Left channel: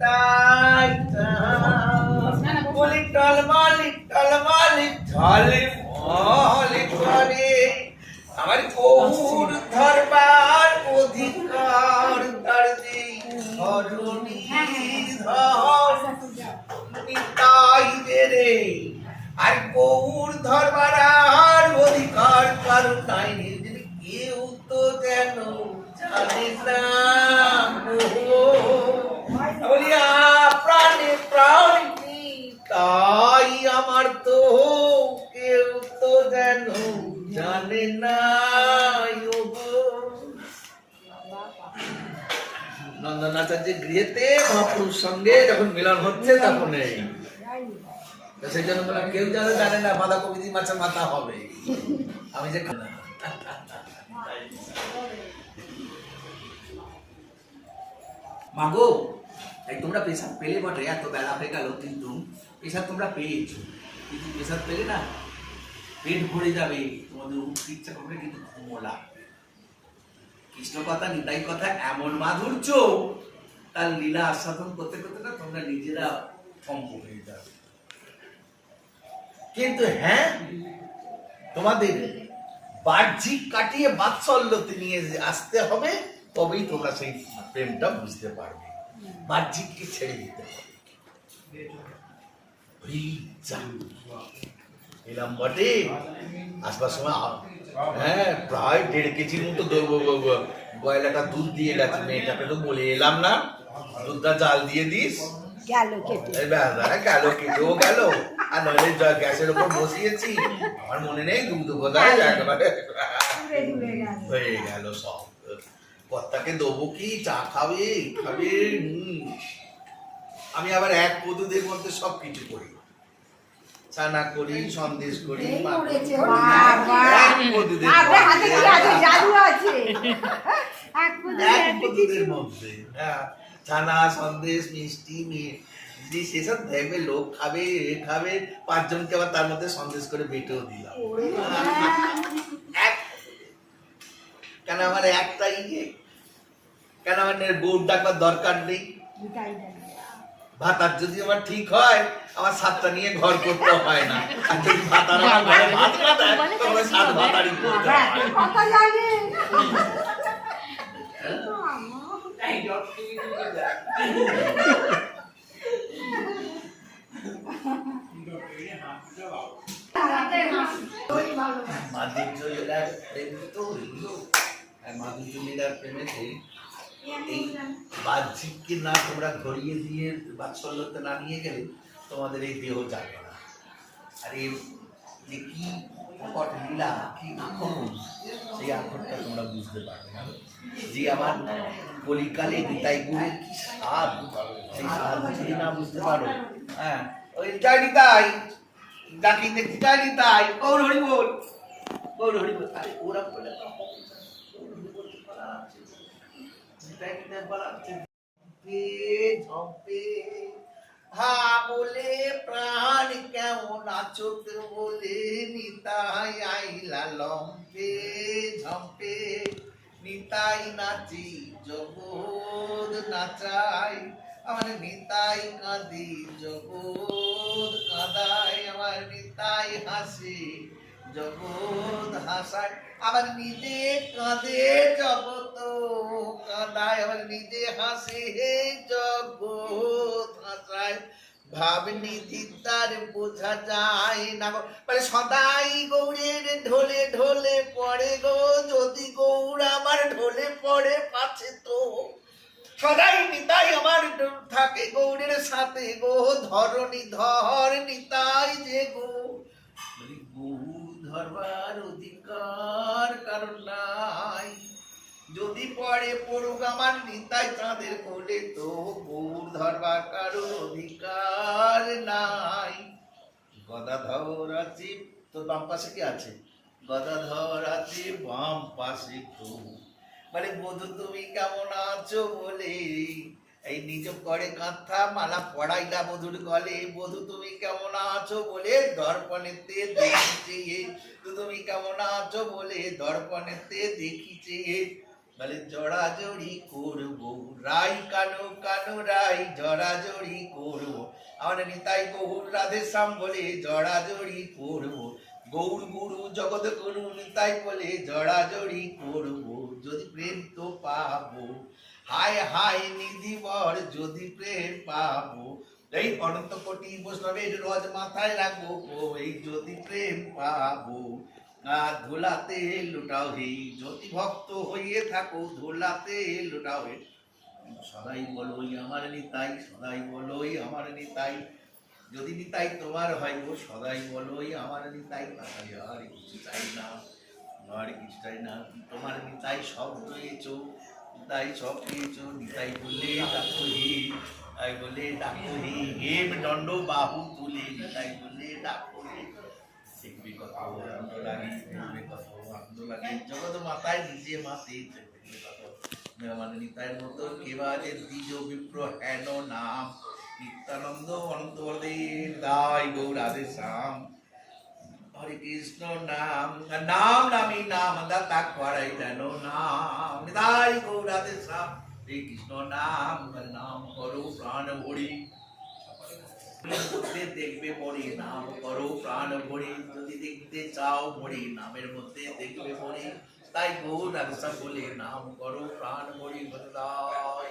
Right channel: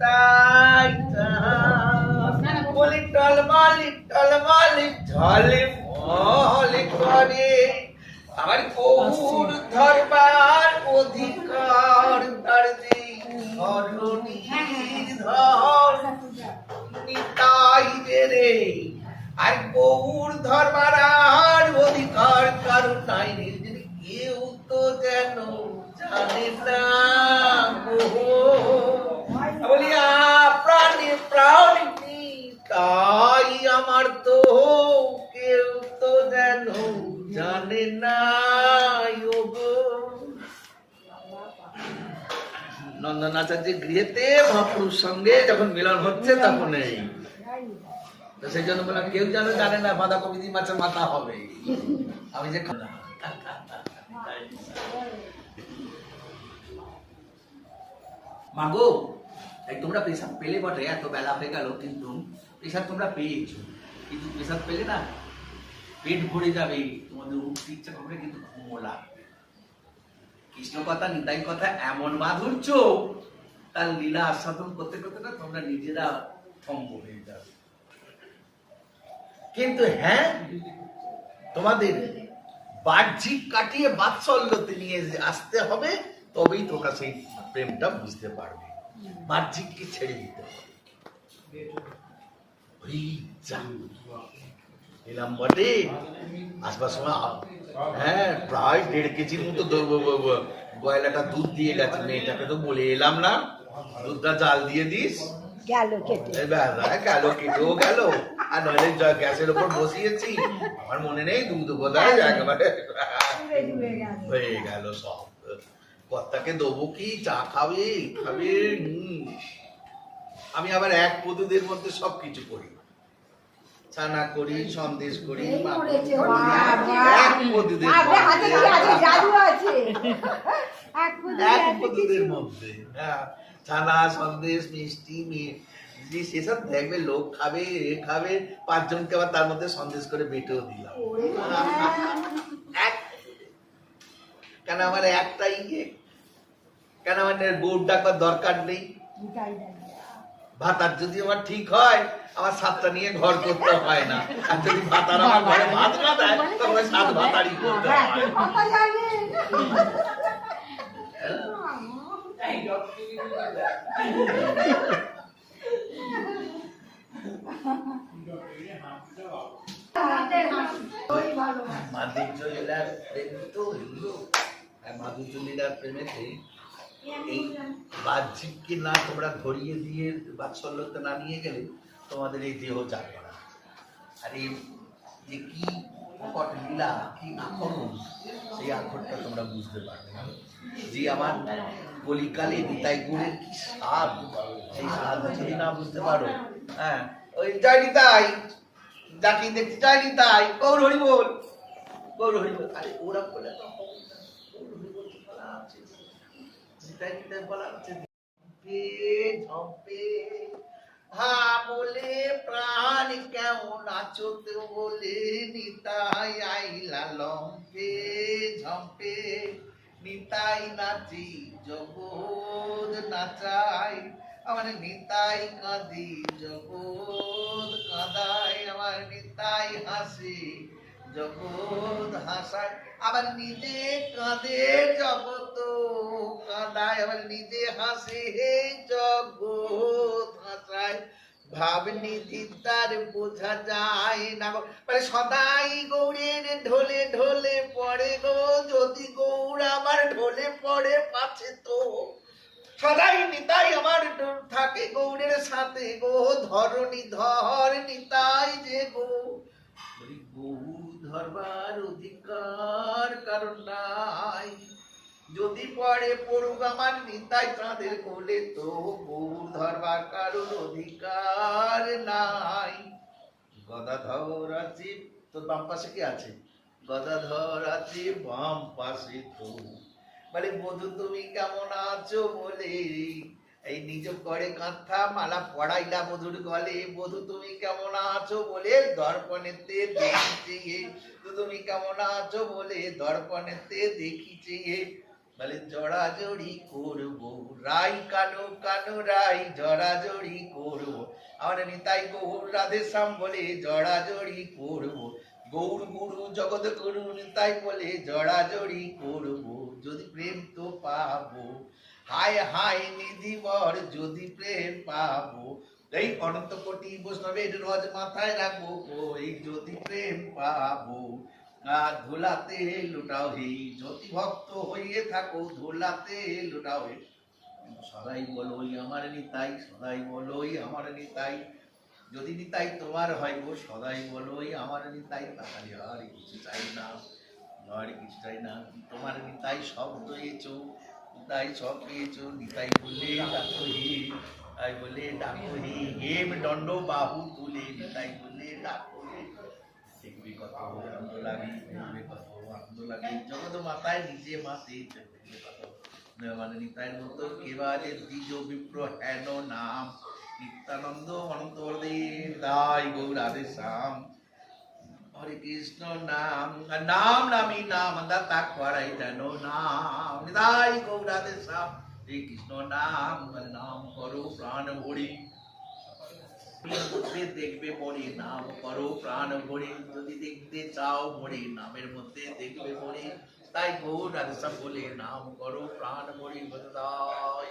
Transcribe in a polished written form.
তাই বলি টলমালি টলমালি ঝলে মলি করে আমার গৌর ধরবার অধিকার তারদি ধরণী ধর নিতাই রে আর গৌর ধরবার আর অধিকার কারণ নাই কেউ তো যেন জানে না বলি প্রাণে প্রাণী তাই আমার তো কেউ তো যেন জানে না। নন্দনাচার্যের গৃহেতে মহাপুরুষ সঙ্গে যখন মিলন হচ্ছে তখন এই সেই জন্য বললাম কেউ যেন জানে না বাঁধাকপি দিয়ে মাছের মাথা হবে আমি যে মাগো এই তোমরা পেশাব পেলে বটে এত বেলা হয়ে গেল কিন্তু পেশাব তোমরা পেয়েছো কিন্তু পেশাব পেলে না পেট ভরে যাবে তোমাদের উঠতে ইচ্ছা করবে কিন্তু ঘুমো লাগবে। কৃষ্ণ কথা নিতাই কথা এমন মাধুর্য তার লীলা আস্বাদন করতে করতে না তোমরা নিজেরা থম্ব হয়ে যাবে। কিন্তু হ্যাঁ তোমাদের বাহ্যিক কাটিয়ে বাৎসল্যতে নিয়ে আসতে হবে তবেই তোমরা সেই প্রেমটা বুঝতে পারবে। বাহ্যিককে ছেড়ে দিতে হবে। এলাম বটে আসবার সময় হ্যাঁ প্রায় 1.5 কেজির মতো গয়লাটা দুধ দিয়ে গেছে মেয়েটাকে তো বলে এলাম না দুধটা জাল দিয়ে দিস গেল কেটেও গেল আর নাহলে গ্যাসের উপর বসিয়েছি আমার মনে নেই দুধ কোথায় একেবারে হয়ে গেল সব। কর্তাকে দেবো কি চা খাবে খাবে আমি আবার এক পদুদের মধ্যে সবকিছু করি ছানা করি সন্দেশ করি এক পদুদের মধ্যে ছানা সন্দেশ মিষ্টি সেসব দেখবে লোক খাবে খাবে 5 জনকে আবার তার মধ্যে সন্দেশ করে বেটেও দিলাম কেন আমার একটাই কেন আমার গৌড় ডাকবার দরকার নেই। ভাতার যদি আমার ঠিক হয় আমার 7টা নিয়ে ঘর করতে হয় না আর যদি ভাতার আমার ঘরে ভাত খায় তবে 7 ভাতারই করতে হয়। মাধুর্য লীলার প্রেম তো হইলো আর মাধুর্য লীলার প্রেমেতে এই বাহ্যিককে না তোমরা ধরিয়ে দিয়ে বাৎসল্যতে না নিয়ে গেলে তোমাদের এই দেহ যাবে না। আর এই যে কি কট লীলা কি আখরণ সেই আখরটা তোমরা বুঝতে পারবে না। যে আমার কলিকালে নিতাই গুণের কি স্বাদ সেই স্বাদ যদি না বুঝতে পারো হ্যাঁ ওই জয় নিতাই ডাকি দেখছি জয় নিতাই গৌর হরি বল গৌর হরি বল আরে ওরা বলে বলে প্রাণ কেমন আছো বলে নিতাই আইলা লম্পে ঝম্পে নিতাই নাচি জগৎ নাচাই আমার নিতাই কাঁদি জগৎ কাঁদাই আমার নিতাই হাসি জগৎ হাসায় আবার নিজে কাঁদে জগৎ কাঁদায় আবার নিজে হাসে জগৎ হাসায় ভাবনিধি তার বোঝা যায় না মানে সদাই গৌরের ঢোলে ঢোলে পড়ে গো যদি গৌর আমার ঢোলে পড়ে পাছে তো সদাই নিতাই আমার থাকে গৌরের সাথে গো ধরণী ধর নিতাই যে গো ধরবার অধিকার কারণ নাই যদি পড়ে পড়ুক আমার নিতাই তাদের কোলে তো গৌর ধরবার কারোর অধিকার নাই। গদাধর আছে তোর বাম পাশে কি আছে গদাধর আছে বাম পাশে তো মানে বধু তুমি কেমন আছো বলে এই নিজ করে কাঁথা মালা পড়াইলা বধুর গলে বধু তুমি কেমন আছো বলে দর্পণেতে দেখিছে তুমি কেমন আছো বলে দর্পণেতে দেখিছে বলে জড়াজড়ি করবো রাই কানো কানো রাই জড়াজড়ি করবো। আমার নিতাই গৌর রাধে শ্যাম বলে জড়াজড়ি করবো। গৌর গুরু জগৎ গুরু নিতাই বলে জড়াজড়ি করবো। যদি প্রেম তো পাবো, হায় হায় নিধিবর যদি প্রেম পাবো। এই অনন্ত কোটি বৈষ্ণবের রোজ মাথায় রাখবো, এই যদি প্রেম পাবো। ধুলাতে লুটাও হে, জ্যোতি ভক্ত হইয়ে থাকো ধুলাতে লুটাও হে। সদাই বলোই আমার নিতাই, সদাই বলোই আমার নিতাই। যদি নিতাই তোমার হয় গো, সদাই বলোই আমার নিতাই। তাহলে আর কিছু চাই না, আর কিছু চাই না। তোমার নিতাই সব রয়েছো, নিতাই সব পেয়েছো। নিতাই বলে ডাকো হে, তাই বলে ডাকো হে, হেম দণ্ড বাহু তুলে নিতাই বলে ডাকো হে। দেখবে কত আনন্দ লাগে, দেখবে কত আনন্দ লাগে। জগৎ মাতায় নিজে মাতে, দেখবে কত মানে নিতাইয়ের মতো কেবারে দ্বিজ বিপ্র হেন নাম। নিত্যানন্দ অনন্ত বলদেব দাই গৌর রাধে শ্যাম। হরে কৃষ্ণ নাম নাম নামি নাম দাতা করাই দেন নাম। নিতাই গৌর রাধে শ্যাম। হরে কৃষ্ণ নাম নাম করো প্রাণ ভরি, মধ্যে দেখবে মরে নাম করো প্রাণ ভরে। যদি দেখতে চাও মরে নামের মধ্যে দেখবে মরে। তাই গৌর রাধে শ্যাম বলে নাম করো প্রাণ ভরে। বদলাই